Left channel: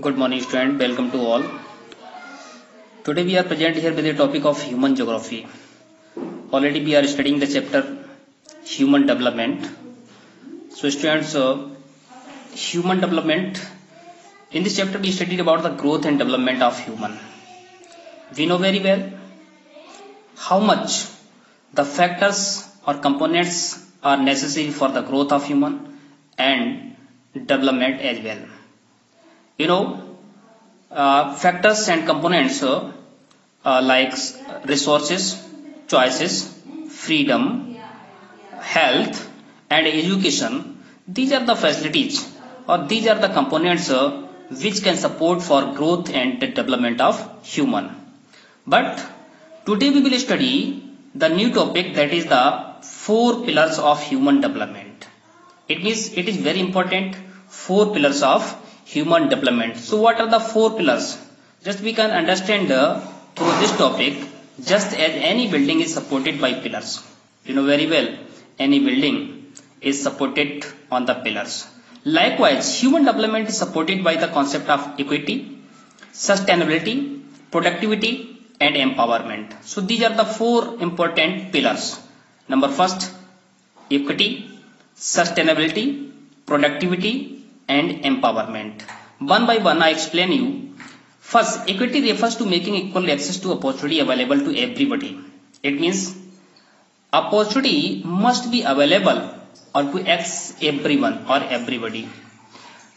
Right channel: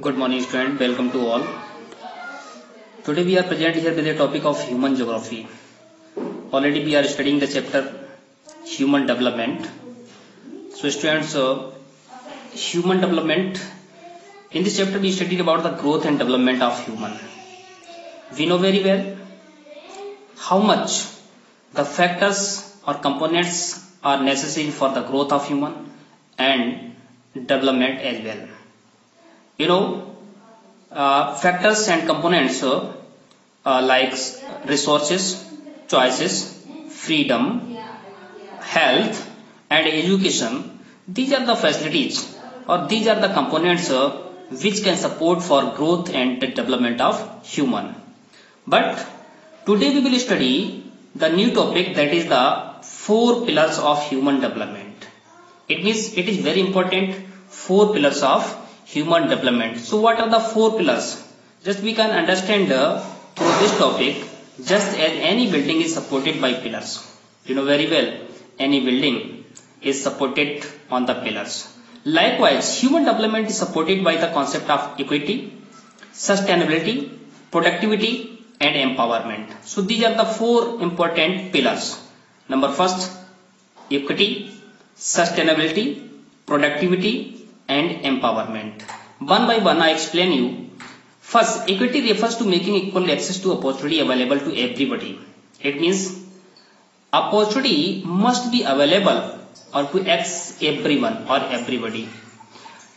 Good morning, student. Welcome to all. Today we are present here with the topic of human geography. Already we are studying the chapter human development. So, students, human development. In this chapter we studied about the growth and development of human. We know very well how much the factors or components are necessary for the growth of human and development as well. Factors and components like resources, choices, freedom, health and education. These are the facilities or these are the components which can support for growth and development of human. But today we will study the new topic, that is the 4 pillars of human development. It is very important, 4 pillars of human development. So what are the 4 pillars? Just we can understand through this topic, just as any building is supported by pillars. You know very well, any building is supported on the pillars. Likewise, human development is supported by the concept of equity, sustainability, productivity and empowerment. So these are the 4 important pillars. Number first, equity, sustainability, productivity and empowerment. One by one I explain you. First, equity refers to making equal access to opportunity available to everybody. It means opportunity must be available or to access everyone or everybody.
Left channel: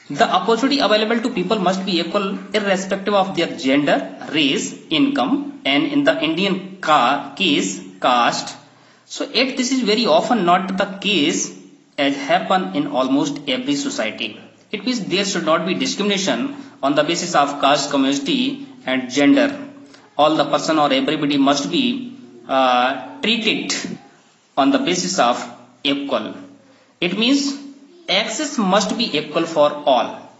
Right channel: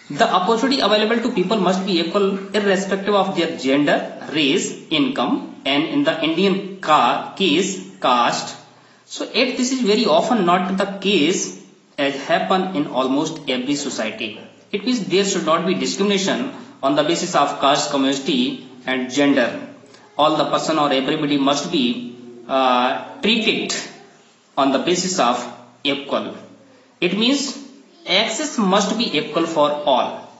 The opportunity available to people must be equal irrespective of their gender, race, income and in the Indian case, caste. So yet this is very often not the case as happen in almost every society. It means there should not be discrimination on the basis of caste, community and gender. All the person or everybody must be treated on the basis of equal. It means access must be equal for all,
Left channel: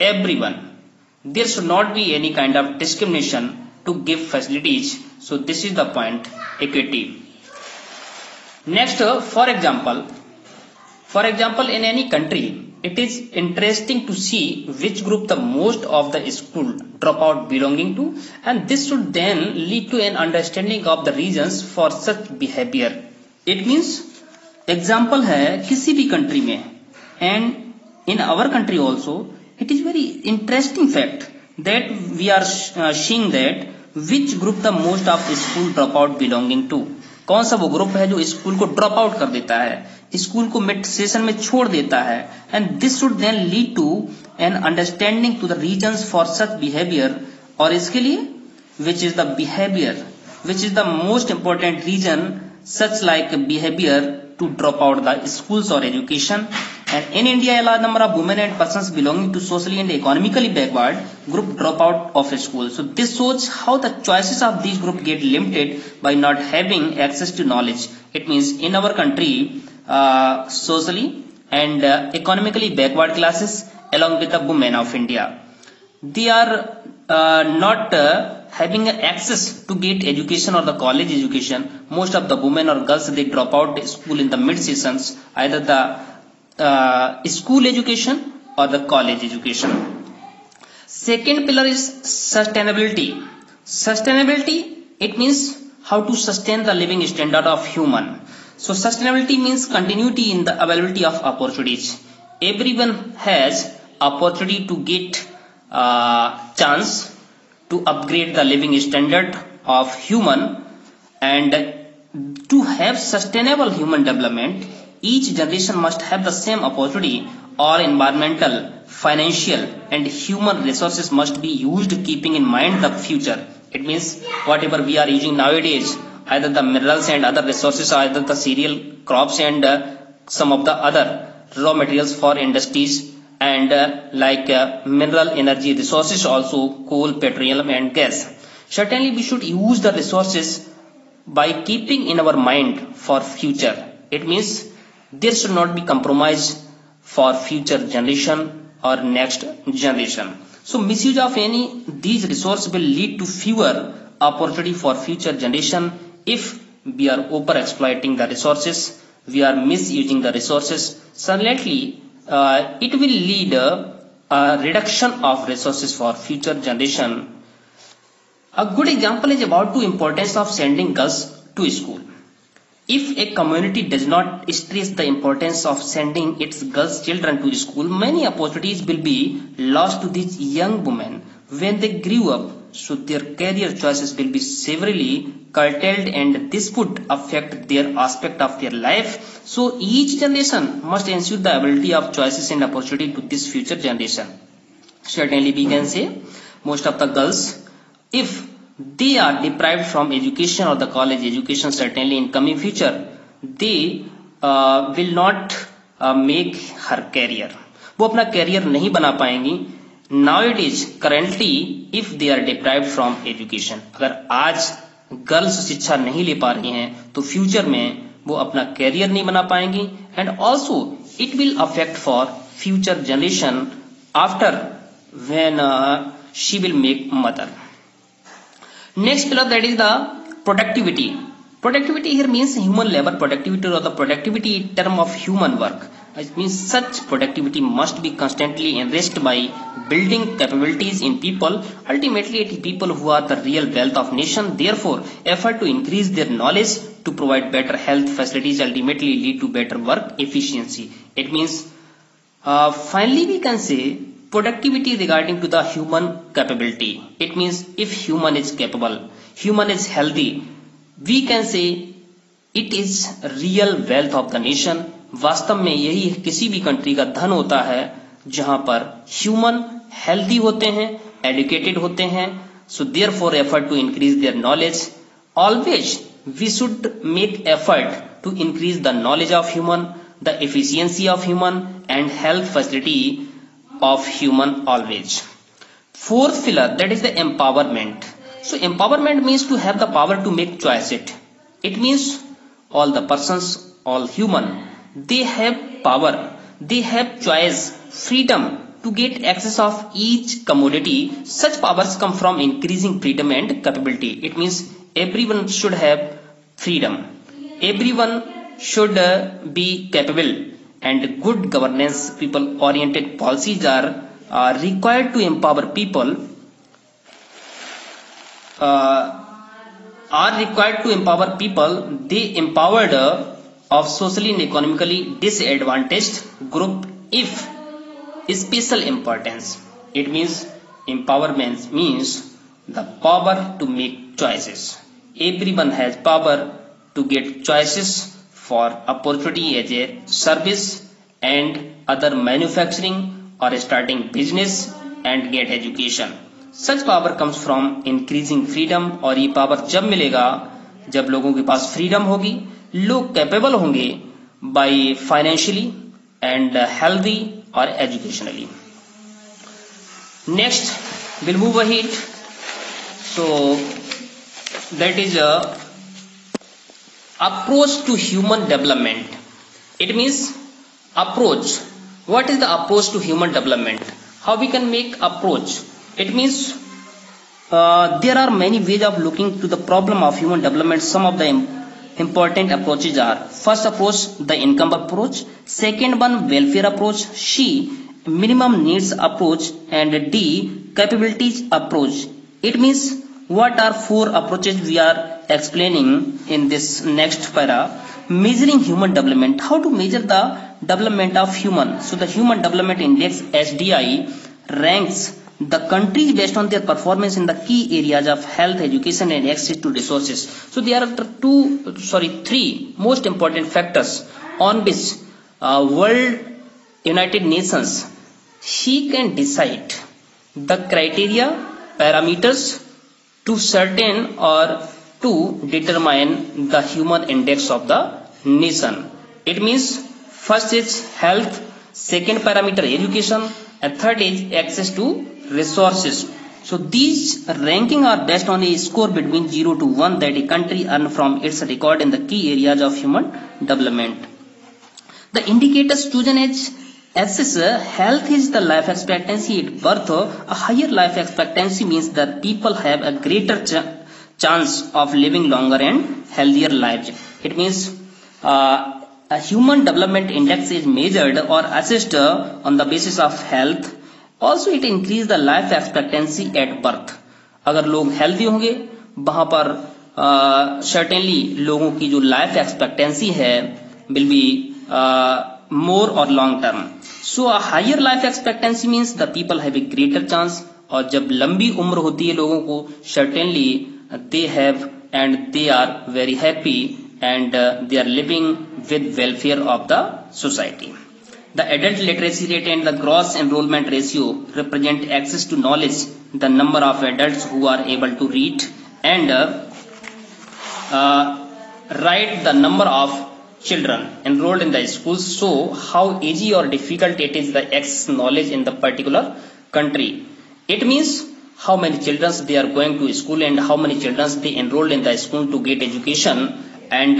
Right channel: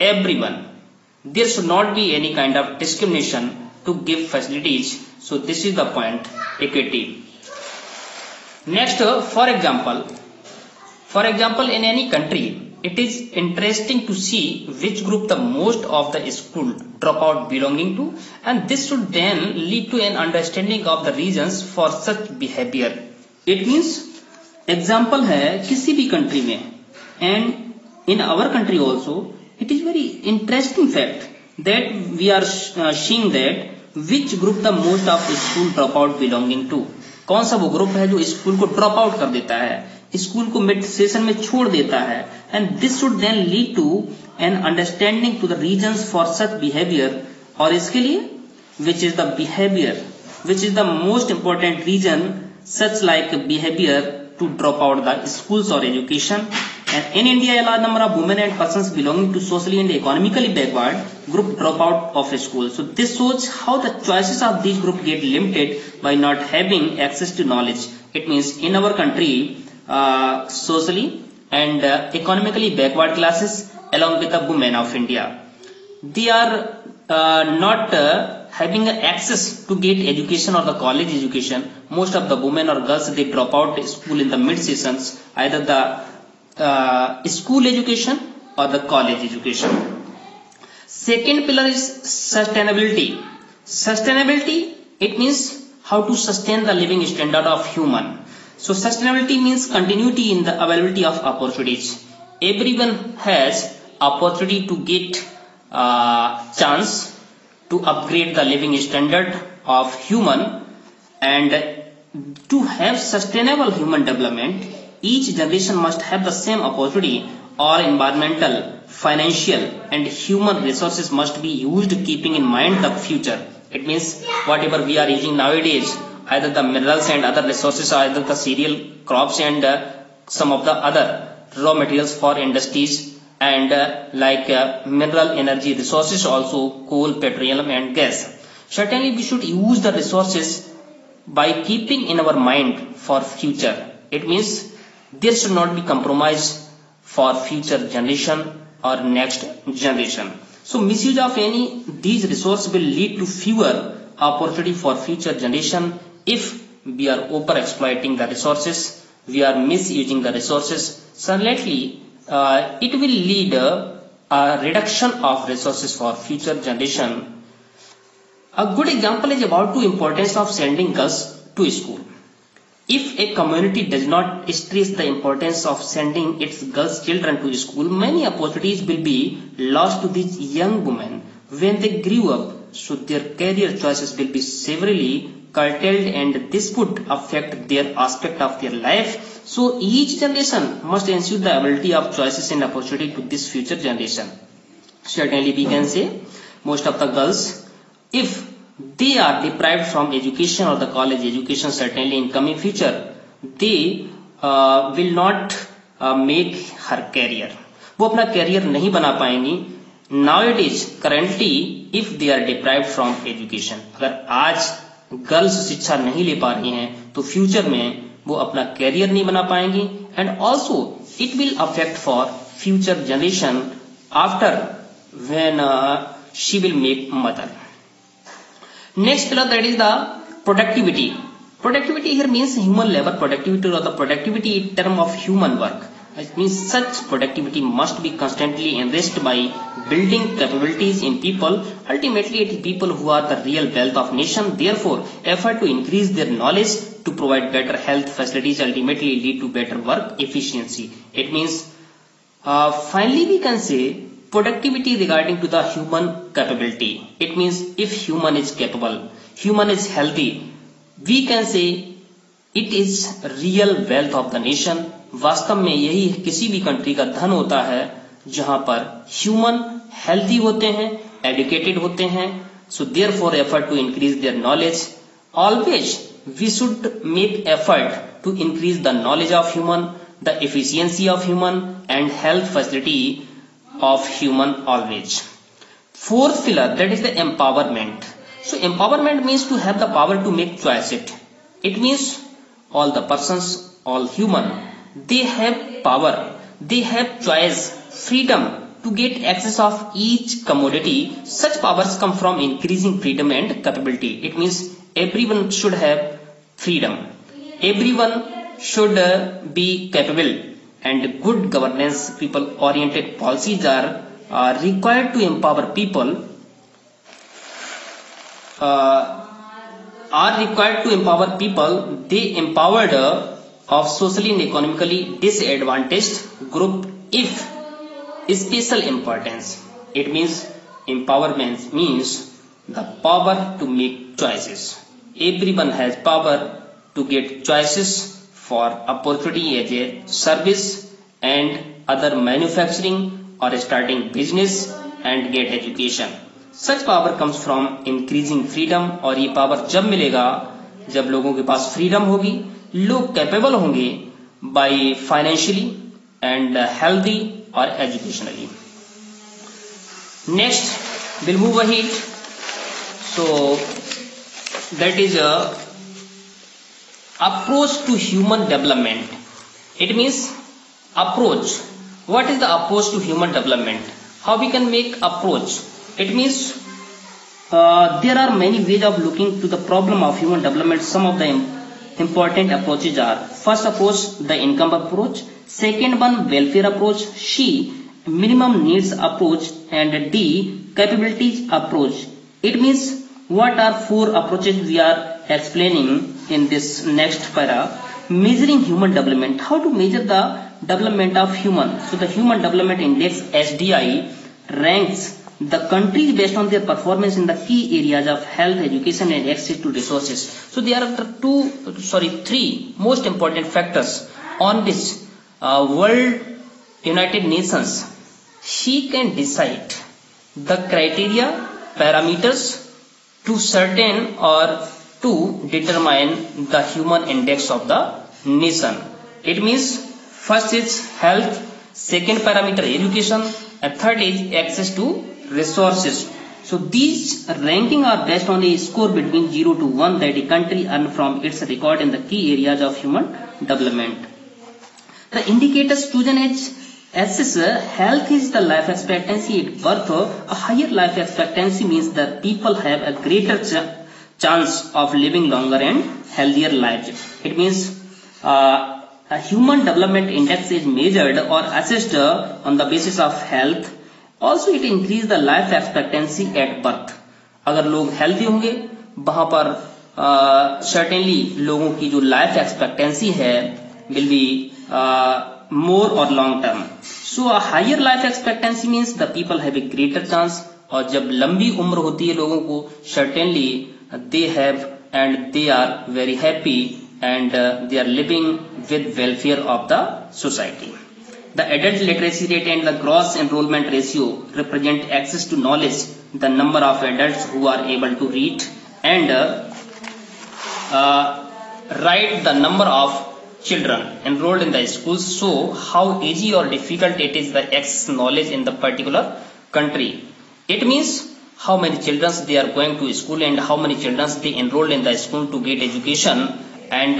everyone. There should not be any kind of discrimination to give facilities. So this is the point, equity. Next, for example, in any country, it is interesting to see which group the most of the school dropout belonging to, and this should then lead to an understanding of the reasons for such behavior. It means example है किसी भी country में, and in our country also, it is very interesting fact that we are seeing that which group the most of school dropout belonging to. कौन सा वो group है जो school को ड्रॉप आउट कर देता है, स्कूल को मिड सेशन में छोड़ देता है, and this should then lead to an understanding to the reasons for such behaviour. और इसके लिए which is the behaviour, which is the most important reason such like behaviour to drop out the schools or education. And in India, a large number of women and persons belonging to socially and economically backward group drop out of school. So this shows how the choices of these groups get limited by not having access to knowledge. It means in our country, socially and economically backward classes along with the women of India, they are not having access to get education or the college education. Most of the women or girls, they drop out school in the mid sessions, either the school education or the college education. Second pillar is sustainability. Sustainability, it means how to sustain the living standard of human. So sustainability means continuity in the availability of opportunities. Everyone has opportunity to get chance to upgrade the living standard of human, and to have sustainable human development, each generation must have the same opportunity. All environmental, financial and human resources must be used keeping in mind the future. It means whatever we are using nowadays, either the minerals and other resources, either the cereal crops and some of the other raw materials for industries, and mineral energy resources also, coal, petroleum and gas. Certainly we should use the resources by keeping in our mind for future. It means there should not be compromise for future generation or next generation. So misuse of any these resources will lead to fewer opportunity for future generation. If we are over exploiting the resources, we are misusing the resources, certainly it will lead a reduction of resources for future generation. A good example is about the importance of sending girls to school. If a community does not stress the importance of sending its girls children to school, many opportunities will be lost to these young women when they grew up. So their career choices will be severely curtailed, and this would affect their aspect of their life. So each generation must ensure the ability of choices and opportunity to this future generation. Certainly we can say most of the girls, if they are deprived from education or the college education, certainly in coming future they will not make her career. वो अपना career नहीं बना पाएंगी. Nowadays currently if they are deprived from education, अगर आज girls शिक्षा नहीं ले पा रही हैं तो फ्यूचर में वो अपना कैरियर नहीं बना पाएंगी, and also it will affect for future generation after when she will make mother. Next pillar, that is the productivity. Productivity here means human labor productivity or the productivity in term of human work. It means such productivity must be constantly enriched by building capabilities in people. Ultimately, it is people who are the real wealth of nation. Therefore, effort to increase their knowledge to provide better health facilities ultimately lead to better work efficiency. It means finally we can say productivity regarding to the human capability. It means if human is capable, human is healthy, we can say it is real wealth of the nation. वास्तव में यही किसी भी country का धन होता है जहां पर ह्यूमन हेल्दी होते हैं, एजुकेटेड होते हैं. So therefore effort to increase their knowledge. Always we should make effort to increase the knowledge of human, the efficiency of human and health facility of human always. Fourth pillar, that is the empowerment. So empowerment means to have the power to make choices. It means all the persons, all human, they have power, they have choice, freedom to get access of each commodity. Such powers come from increasing freedom and capability. It means everyone should have freedom, everyone should be capable, and good governance, people oriented policies are required to empower people, they empowered of socially and economically disadvantaged group if special importance. It means empowerment means the power to make choices. Everyone has power to get choices for opportunity as a service and other manufacturing or starting business and get education. Such power comes from increasing freedom. और ये power जब मिलेगा जब लोगों के पास freedom होगी, लोग capable होंगे बाय फाइनेंशियली एंड हेल्दी और educationally. Next will move ahead. So that is approach to human development. It means approach. What is the approach to human development? How we can make approach? It means there are many ways of looking to the problem of human development. Some of the important approaches are: first approach, the income approach; second one, welfare approach; C, minimum needs approach; and D, capabilities approach. It means what are four approaches we are explaining in this next para. Measuring human development. How to measure the development of human? So the Human Development Index (HDI) ranks the countries based on their performance in the key areas of health, education, and access to resources. So there are three most important factors on which World United Nations she can decide the criteria, parameters to certain or to determine the human index of the nation. It means first is health, second parameter education, and third is access to resources. So these ranking are based on a score between 0 to 1 that a country earn from its record in the key areas of human development. The indicators chosen assess health is the life expectancy at birth. A higher life expectancy means that people have a greater chance of living longer and healthier lives. It means a human development index is measured or assessed on the basis of health, also it increase the life expectancy at birth. अगर लोग healthy होंगे वहां पर certainly लोगों की जो life expectancy है will be more or long term. So a higher life expectancy means the people have a greater chance. और जब लंबी उम्र होती है लोगों को certainly they have and they are very happy and they are living with welfare of the society. The adult literacy rate and the gross enrollment ratio represent access to knowledge, the number of adults who are able to read and write, the number of children enrolled in the schools show how easy or difficult it is the access knowledge in the particular country. It means how many children they are going to school and how many children they enrolled in the school to get education, and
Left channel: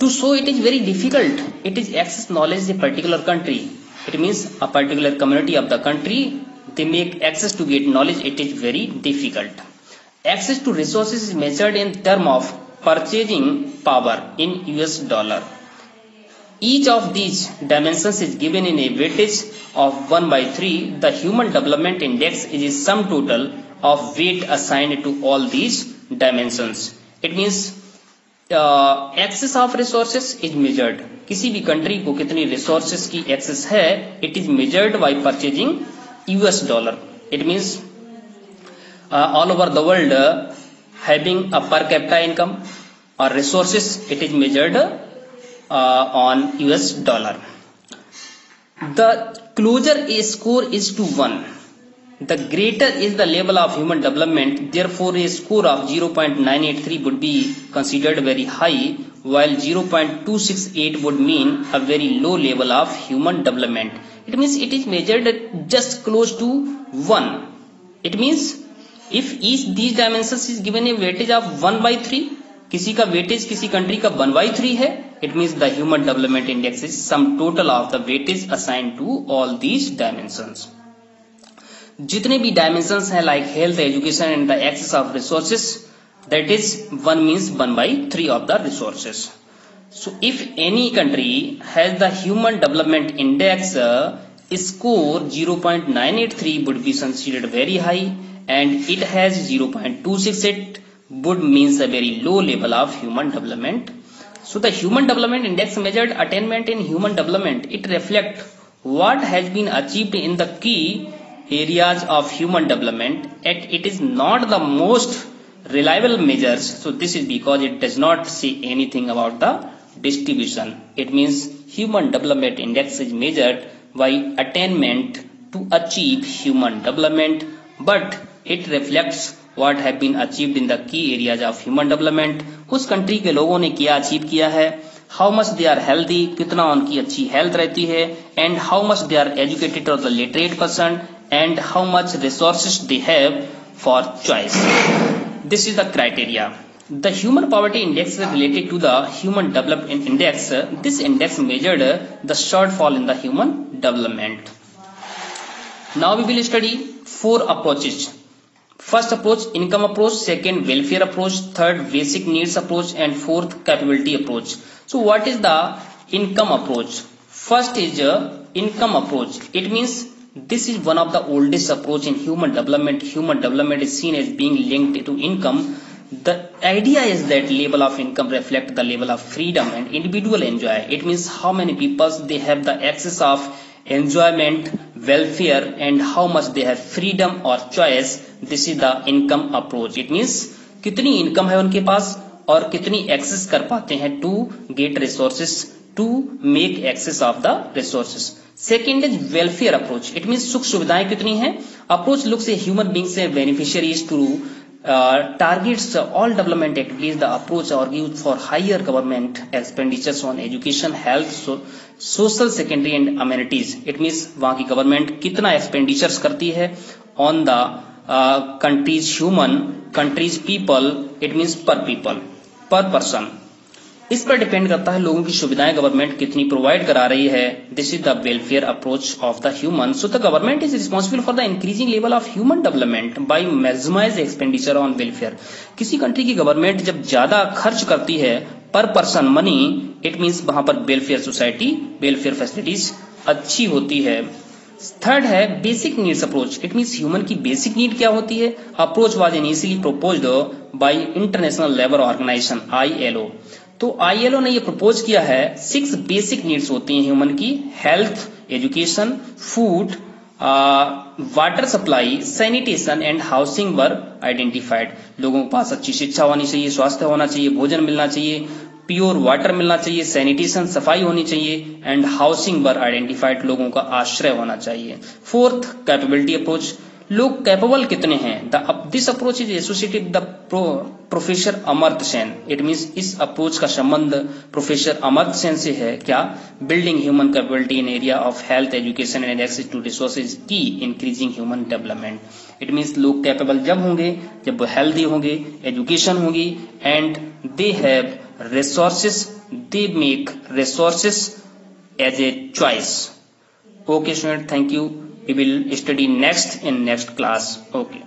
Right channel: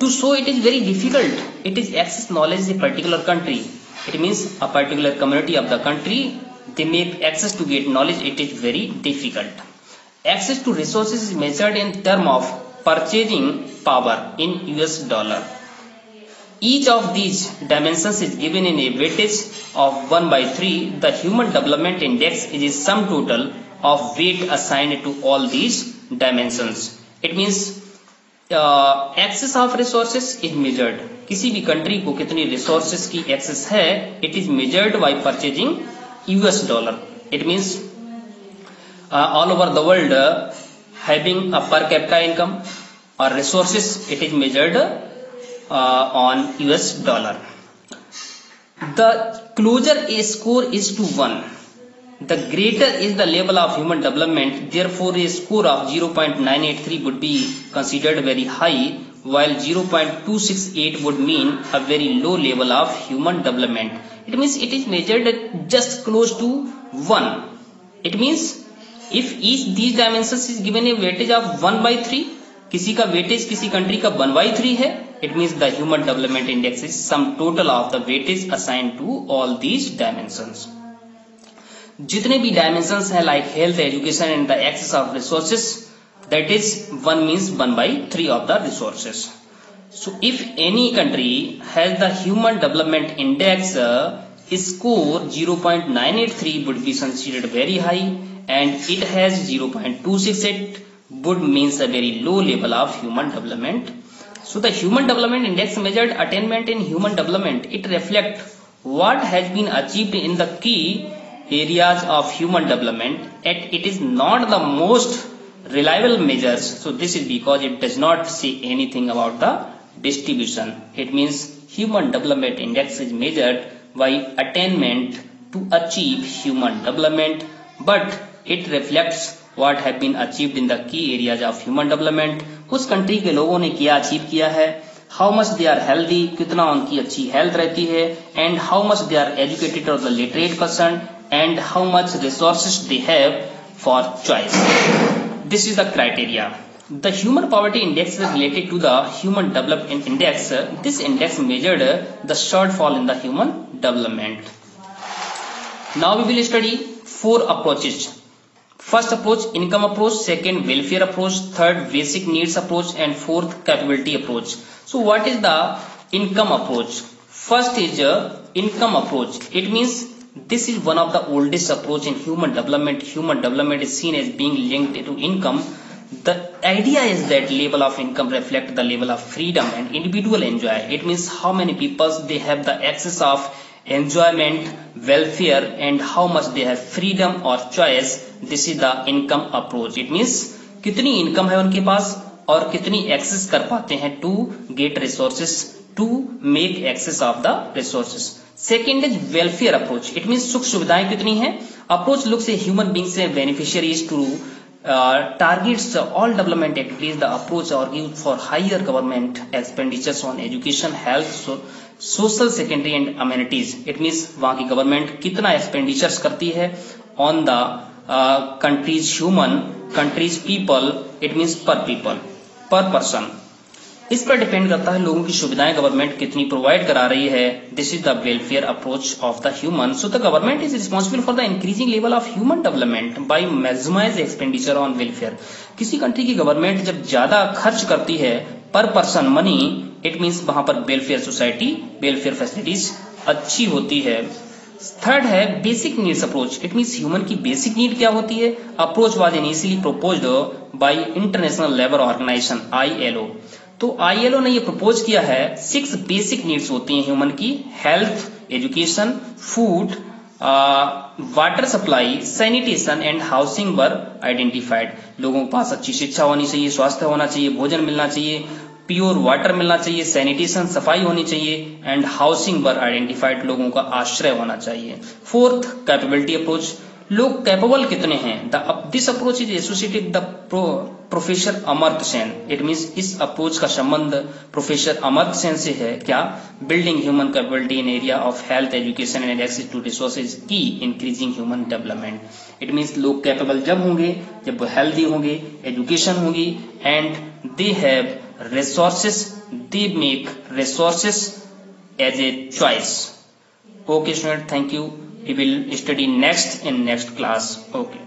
to show it is very difficult. It is access knowledge in a particular country. It means a particular community of the country they make access to get knowledge. It is very difficult. Access to resources is measured in term of purchasing power in US dollar. Each of these dimensions is given in a weightage of 1/3. The Human Development Index is a sum total of weight assigned to all these dimensions. It means access of resources is measured. किसी भी country को कितनी resources की access है, it is measured by purchasing US dollar. It means all over the world having a per capita income or resources, it is measured on US dollar. The closer a score is to 1, the greater is the level of human development. Therefore, a score of 0.983 would be considered very high, while 0.268 would mean a very low level of human development. It means it is measured just close to 1. It means if each these dimensions is given a weightage of 1/3, किसी का weightage किसी country का 1/3 है, it means the human development index is sum total of the weightage assign to all these dimensions. जितने भी dimensions हैं like health, education and the access of resources, that is 1 means 1/3 of the resources. So if any country has the human development index score 0.983 would be considered very high, and it has 0.268 would means a very low level of human development. So the Human Development Index measured attainment in human development. It reflects what has been achieved in the key areas of human development, and it is not the most reliable measures. So this is because it does not say anything about the distribution. It means Human Development Index is measured by attainment to achieve human development, but it reflects what have been achieved in the key areas of human development. उस country के लोगों ने क्या achieve किया है, how much they are healthy, कितना उनकी अच्छी हेल्थ रहती है, and how much they are educated और the literate person, and how much resources they have for choice. This is the criteria. The Human Poverty Index is related to the Human Development Index. This index measured the shortfall in the human development. Now we will study 4 approaches. First approach, income approach. Second, welfare approach. Third, basic needs approach. And fourth, capability approach. So what is the income approach? First is income approach. It means this is one of the oldest approach in human development. Human development is seen as being linked to income. The idea is that level of income reflect the level of freedom and individual enjoy. It means how many people they have the access of enjoyment, welfare, and how much they have freedom or choice. This is the income approach. It means कितनी income है उनके पास और कितनी access कर पाते हैं to get resources, to make access of the resources. Second is welfare approach. It means सुख सुविधाएं कितनी हैं. Approach looks at human beings as beneficiaries to targets all development activities. The approach argues for higher government expenditures on education, health, social secondary and amenities. It means वहाँ की government कितना expenditures करती है on the country's human, country's people. It means per people, per person. इस पर depend करता है लोगों की सुविधाएं गवर्नमेंट कितनी प्रोवाइड करा रही है. This is the welfare approach of the human. So the government is responsible for the increasing level of human development by maximize expenditure on welfare. किसी कंट्री की गवर्नमेंट जब ज्यादा खर्च करती है पर पर्सन मनी, इट मीन्स वहां पर वेलफेयर सोसाइटी, वेलफेयर फैसिलिटीज अच्छी होती है. थर्ड है basic needs approach. It means human की बेसिक नीड क्या होती है। Approach was initially proposed by international labour organisation ILO। तो ILO ने ये प्रपोज किया है 6 बेसिक नीड्स होती हैं ह्यूमन की। Health, education, food, water supply, sanitation and housing were identified. लोगों के पास अच्छी शिक्षा होनी चाहिए, स्वास्थ्य होना चाहिए, भोजन मिलना चाहिए, प्योर वाटर मिलना चाहिए, सैनिटेशन सफाई होनी चाहिए एंड हाउसिंग वर आइडेंटिफाइड, लोगों का आश्रय होना चाहिए। Fourth, capability approach. लोग कैपेबल कितने हैं। This approach is associated the professor Amartya Sen. It means इस अप्रोच का संबंध प्रोफेसर अमर्त्य सेन से है। क्या? Building human capability in area of health, education and access to resources की increasing human development. It means लोग कैपेबल जब होंगे जब वो हेल्दी होंगे, एजुकेशन होगी and they have resources, they make resources as a choice. Okay student, thank you. We will study next in next class. Okay.